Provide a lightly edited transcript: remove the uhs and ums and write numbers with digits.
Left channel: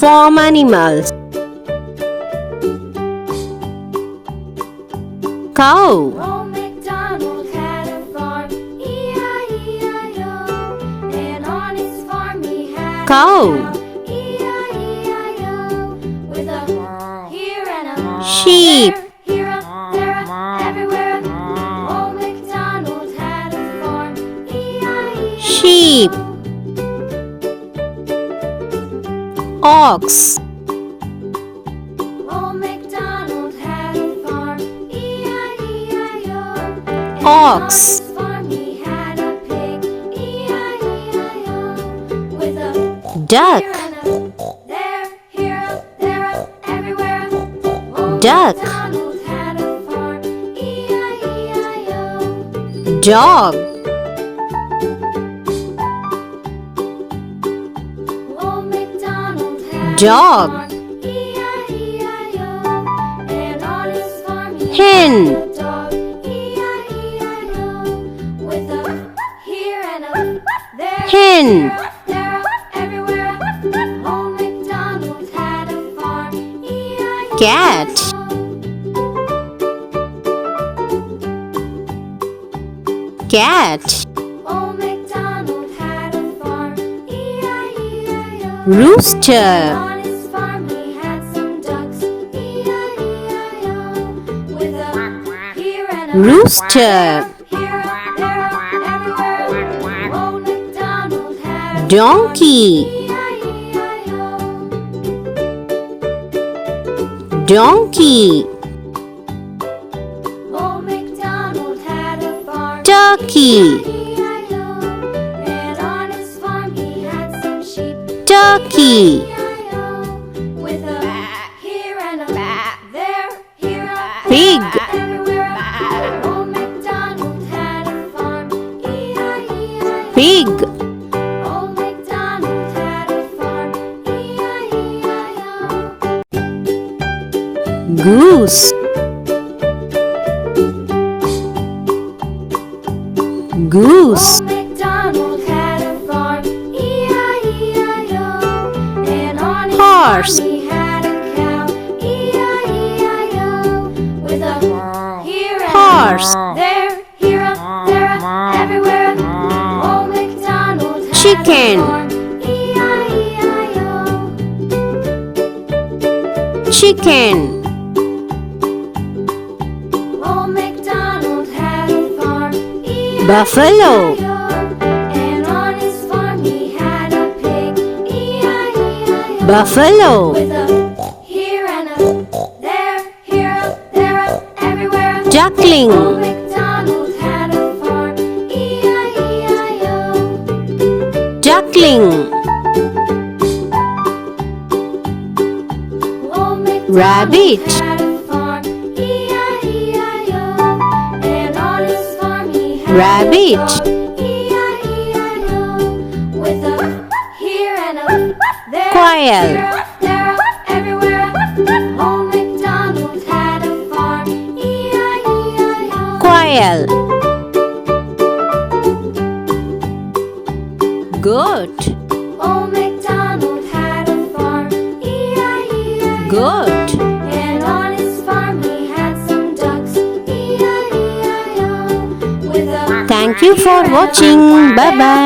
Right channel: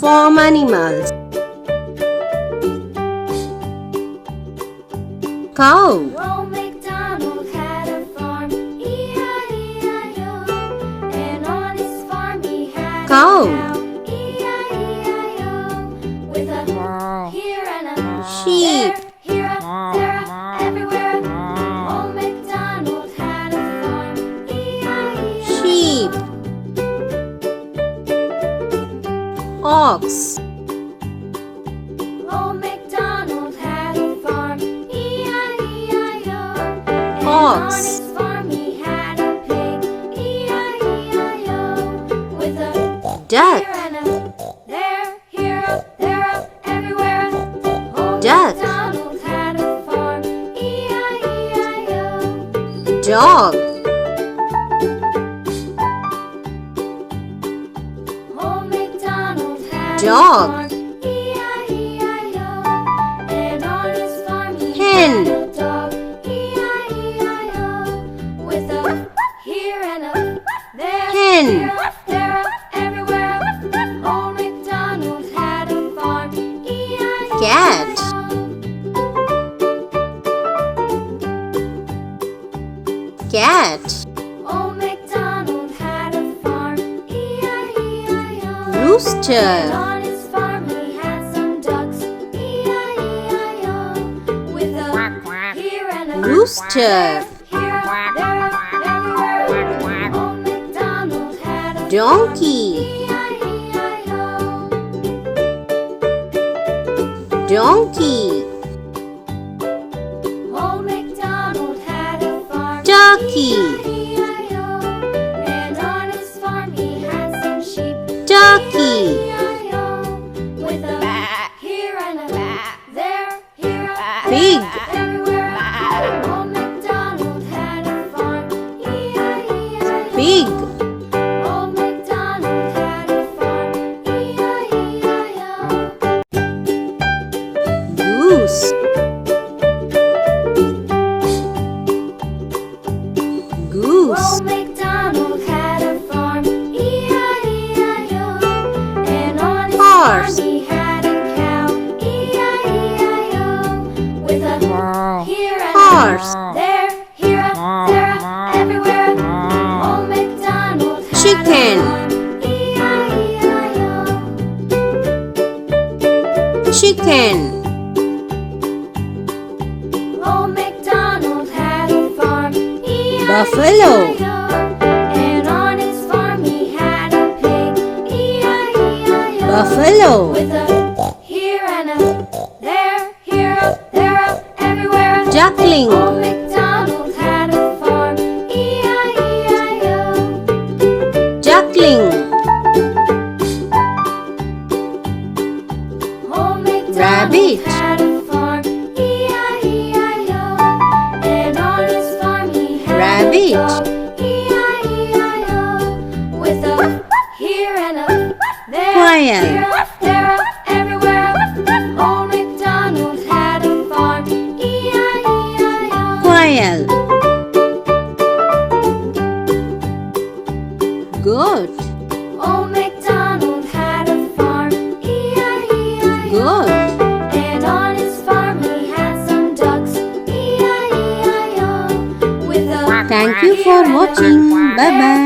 Farm animals. Cow. Old MacDonald had a farm, E-I-E-I-O. And on his farm he had Cow. a cow, E-I-E-I-O. With a here and a Sheep. there, here a there a everywhere. Old MacDonald had a farm, E-I-E-I-O. Sheep. Ox. Old MacDonald had a farm, E-I-E-I-O. Ox. On his farm he had a pig, E-I-E-I-O. With a Duck. here and a there, here a there a everywhere. Old Duck. MacDonald had a farm, E-I-E-I-O. Dog. Old MacDonald had Dog. a farm, E-I-E-I-O. And on his farm he Hen. had a dog, E-I-E-I-O. With a here and a there, Hen. here, there, everywhere. Old MacDonald had a farm, E-I-E-I-O. Cat. Cat. Old MacDonald had a farm, E-I-E-I-O. Rooster. On his farm he had some ducks, E-I-E-I-O. With a here and a Rooster. here, there, everywhere. Old MacDonald had a Donkey. E-I-E-I-O. Donkey. Old MacDonald had a farm, Turkey. E-I-E-I-O. And on his farm he had some sheep, Turkey. E-I-E-I-O. With a here and a there, here a Pig. everywhere. Old MacDonald had a farm, E-I-E-I-O. Pig. Old MacDonald had a farm, E-I-E-I-O. Goose. Goose. Old MacDonald had a farm, E-I-E-I-O. And on his Horse. farm he had a cow, E-I-E-I-O. With a here and Horse. a there, here a there a everywhere. Old MacDonald had Chicken. a farm, E-I-E-I-O. Chicken. Old MacDonald had a farm, E-I-E-I-O. Buffalo. And on his farm he had a pig, E-I-E-I-O. Buffalo. With a here and a there, here a there a everywhere. Duckling. Old MacDonald had a farm, E-I-E-I-O. Duckling. Old MacDonald Rabbit. had a farm, E-I-E-I-O. And on his farm he had Rabbit. a dog, E-I-E-I-O. With a here and a there, Quail. here, there, everywhere. Old MacDonald had a farm, E-I-E-I-O. Quail. Goat. Old MacDonald had a farm, E-I-E-I-O. Goat. And on his farm he had some ducks, E-I-E-I-O. With a Thank you for watching. Bye bye.